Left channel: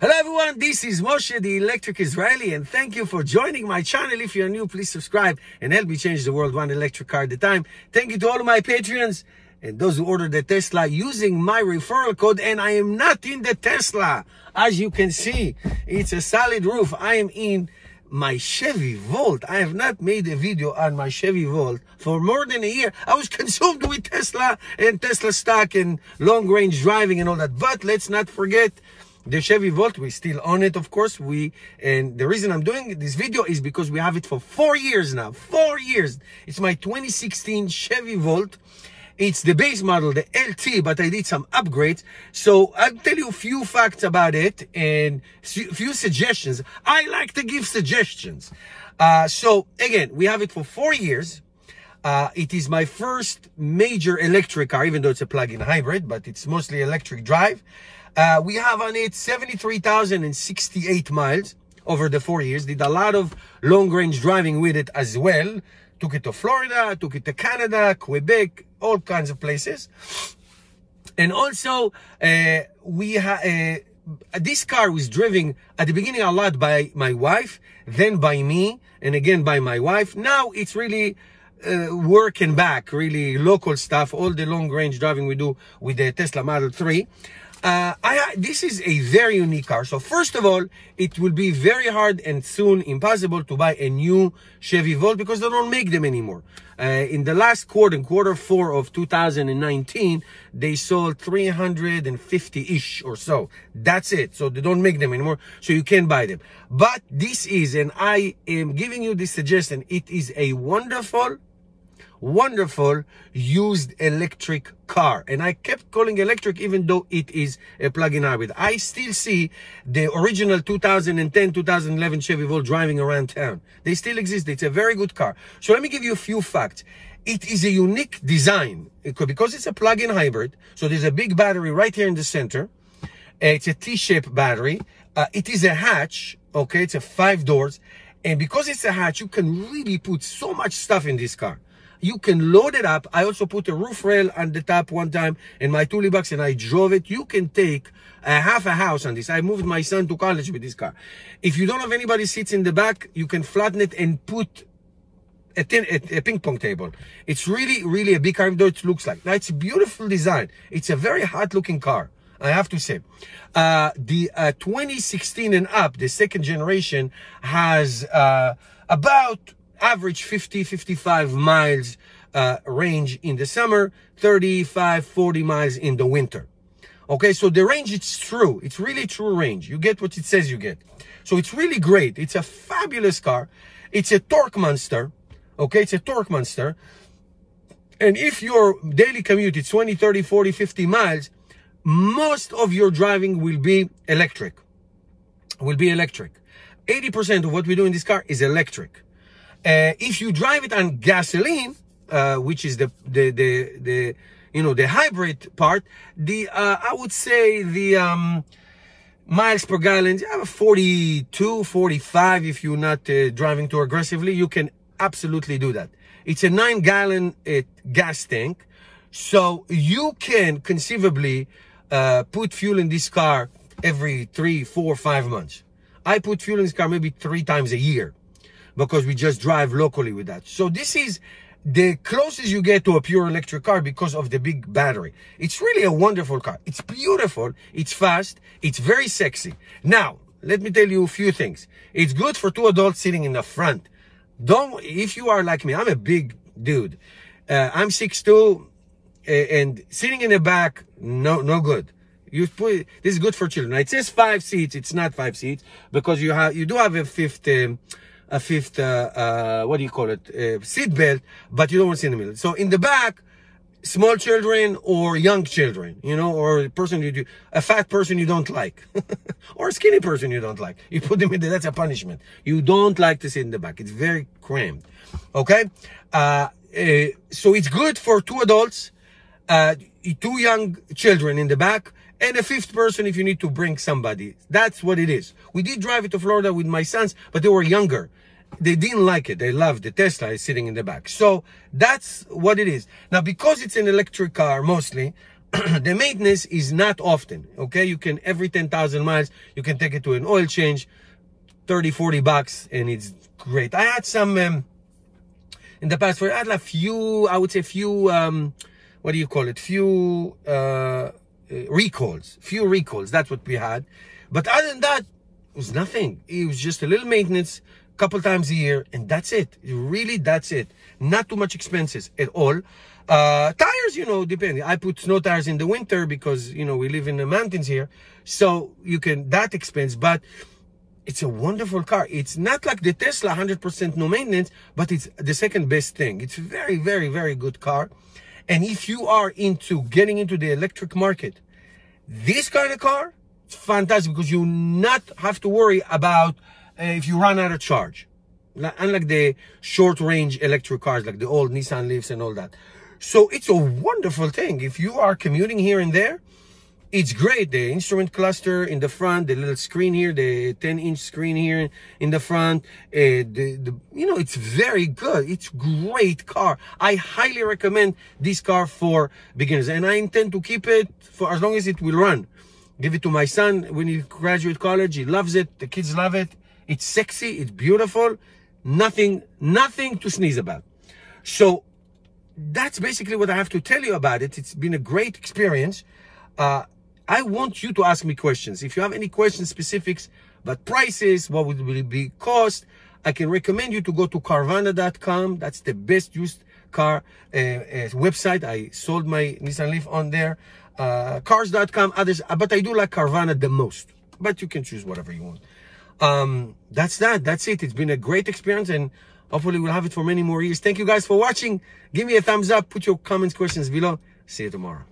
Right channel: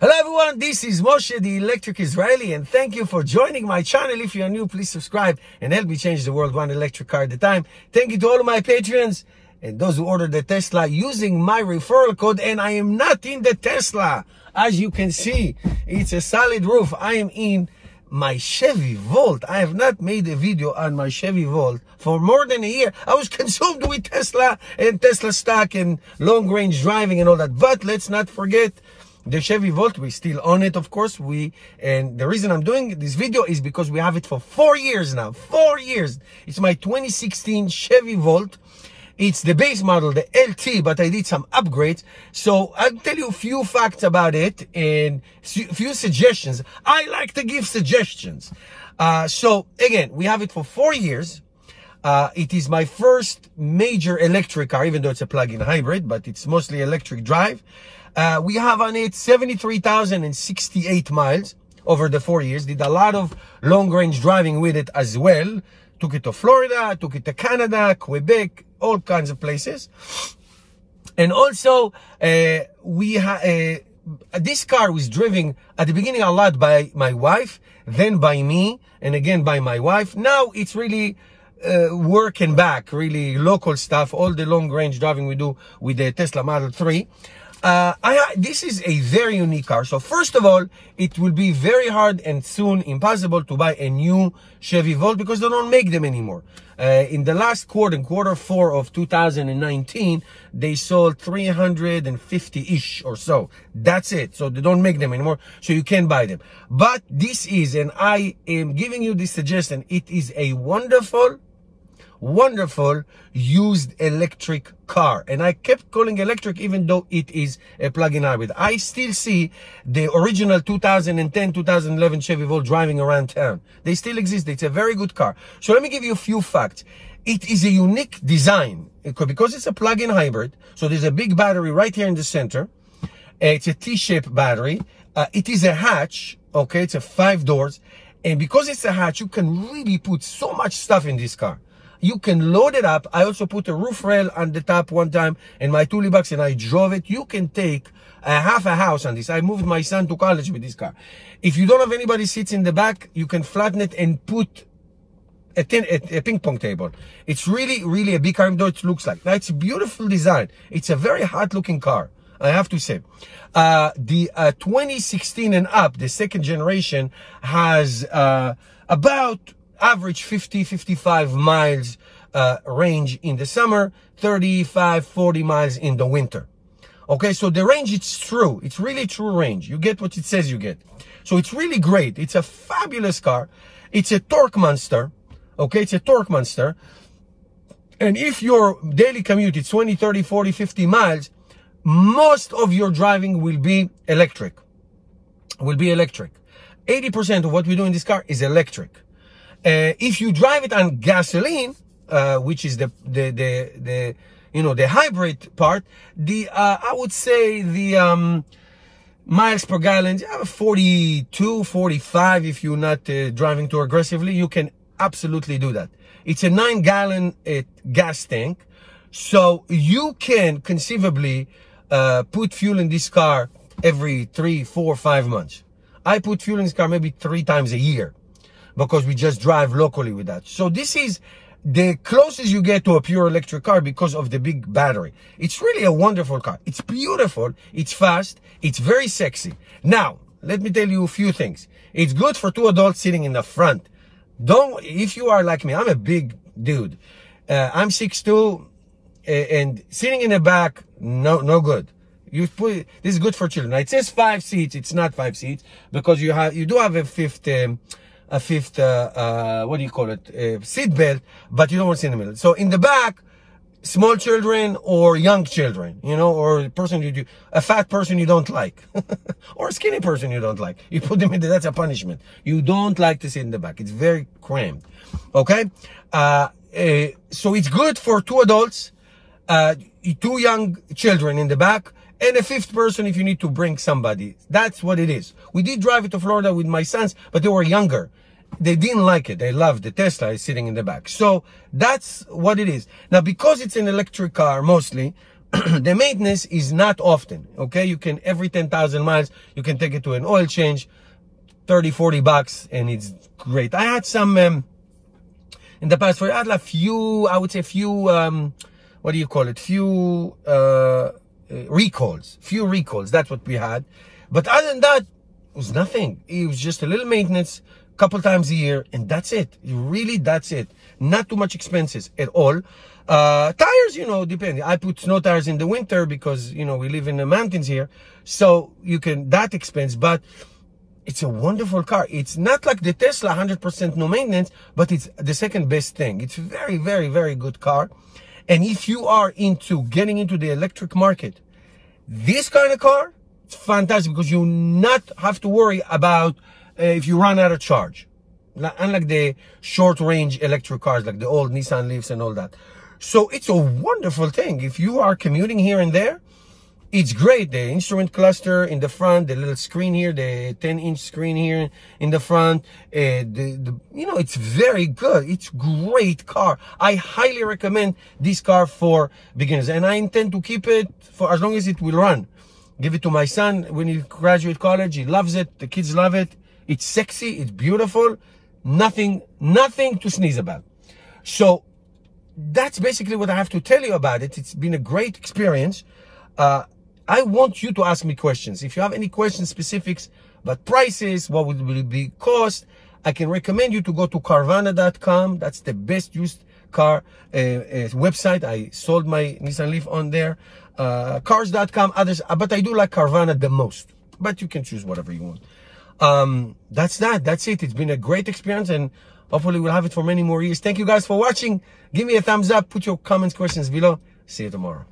Hello everyone, this is Moshe, the Electric Israeli, and thank you for joining my channel. If you are new, please subscribe and help me change the world one electric car at a time. Thank you to all of my Patreons and those who ordered the Tesla using my referral code. And I am not in the Tesla. As you can see, it's a solid roof. I am in my Chevy Volt. I have not made a video on my Chevy Volt for more than a year. I was consumed with Tesla and Tesla stock and long range driving and all that. But let's not forget the Chevy Volt. We still own it, of course. And the reason I'm doing this video is because we have it for 4 years now. 4 years. It's my 2016 Chevy Volt. It's the base model, the LT, but I did some upgrades. So I'll tell you a few facts about it and a few suggestions. I like to give suggestions. So again, we have it for 4 years. It is my first major electric car, even though it's a plug-in hybrid, but it's mostly electric drive. We have on it 73,068 miles over the 4 years. Did a lot of long-range driving with it as well. Took it to Florida, took it to Canada, Quebec, all kinds of places. And also, this car was driven at the beginning a lot by my wife, then by me, and again by my wife. Now it's really working back, really local stuff, all the long-range driving we do with the Tesla Model 3. This is a very unique car. So first of all, it will be very hard and soon impossible to buy a new Chevy Volt because they don't make them anymore. In the last quarter 4 of 2019, they sold 350-ish or so. That's it. So they don't make them anymore. So you can't buy them. But this is, and I am giving you this suggestion, it is a wonderful used electric car. And I kept calling electric even though it is a plug-in hybrid. I still see the original 2010-2011 Chevy Volt driving around town. They still exist. It's a very good car. So let me give you a few facts. It is a unique design because it's a plug-in hybrid. So there's a big battery right here in the center. It's a T-shaped battery. It is a hatch. Okay, it's a 5 doors. And because it's a hatch, you can really put so much stuff in this car. You can load it up. I also put a roof rail on the top one time in my Toolie box and I drove it. You can take half a house on this. I moved my son to college with this car. If you don't have anybody sits in the back, you can flatten it and put a ping pong table. It's really a big car, even though it looks like. Now, it's a beautiful design. It's a very hot looking car, I have to say. The 2016 and up, the second generation, has about average 50-55 miles range in the summer, 35-40 miles in the winter. Okay, so the range, it's true. It's really true range. You get what it says you get. So it's really great. It's a fabulous car. It's a torque monster. Okay, it's a torque monster. And if your daily commute is 20, 30, 40, 50 miles, most of your driving will be electric. 80% of what we do in this car is electric. If you drive it on gasoline, which is the hybrid part, I would say the miles per gallon, 42, 45. If you're not driving too aggressively, you can absolutely do that. It's a 9-gallon gas tank, so you can conceivably put fuel in this car every 3, 4, 5 months. I put fuel in this car maybe 3 times a year, because we just drive locally with that. So this is the closest you get to a pure electric car because of the big battery. It's really a wonderful car. It's beautiful. It's fast. It's very sexy. Now, let me tell you a few things. It's good for 2 adults sitting in the front. If you are like me, I'm a big dude. I'm 6'2", and sitting in the back, no good. This is good for children. Now, it says 5 seats. It's not 5 seats because you do have a fifth what do you call it, seat belt, but you don't want to sit in the middle. So in the back, small children or young children, or a fat person you don't like, or a skinny person you don't like, you put them in there. That's a punishment. You don't like to sit in the back. It's very cramped. Okay, so it's good for 2 adults, 2 young children in the back, and a 5th person if you need to bring somebody. That's what it is. We did drive it to Florida with my sons, but they were younger. They didn't like it. They loved the Tesla is sitting in the back. So that's what it is. Now, because it's an electric car mostly, the maintenance is not often, okay? You can, every 10,000 miles, you can take it to an oil change, 30, 40 bucks, and it's great. I had some, in the past, I had a few, I would say few, what do you call it? Few recalls, that's what we had. But other than that, it was nothing. It was just a little maintenance, couple times a year, and that's it. Really, that's it. Not too much expenses at all. Tires, you know, depending. I put snow tires in the winter because, you know, we live in the mountains here. So you can, that expense, but it's a wonderful car. It's not like the Tesla, 100% no maintenance, but it's the second best thing. It's a very, very, very good car. And if you are into getting into the electric market, this kind of car, it's fantastic because you not have to worry about if you run out of charge. Unlike the short range electric cars, like the old Nissan Leafs and all that. So it's a wonderful thing. If you are commuting here and there, it's great. The instrument cluster in the front, the little screen here, the 10-inch screen here in the front, you know, it's very good. It's great car. I highly recommend this car for beginners, and I intend to keep it for as long as it will run. Give it to my son when he graduates college. He loves it. The kids love it. It's sexy. It's beautiful. Nothing to sneeze about. So that's basically what I have to tell you about it. It's been a great experience. I want you to ask me questions. If you have any questions, specifics about prices, what would it be cost, I can recommend you to go to Carvana.com. That's the best used car website. I sold my Nissan Leaf on there. Cars.com, others, but I do like Carvana the most. But you can choose whatever you want. That's it. It's been a great experience, and hopefully we'll have it for many more years. Thank you guys for watching. Give me a thumbs up. Put your comments, questions below. See you tomorrow.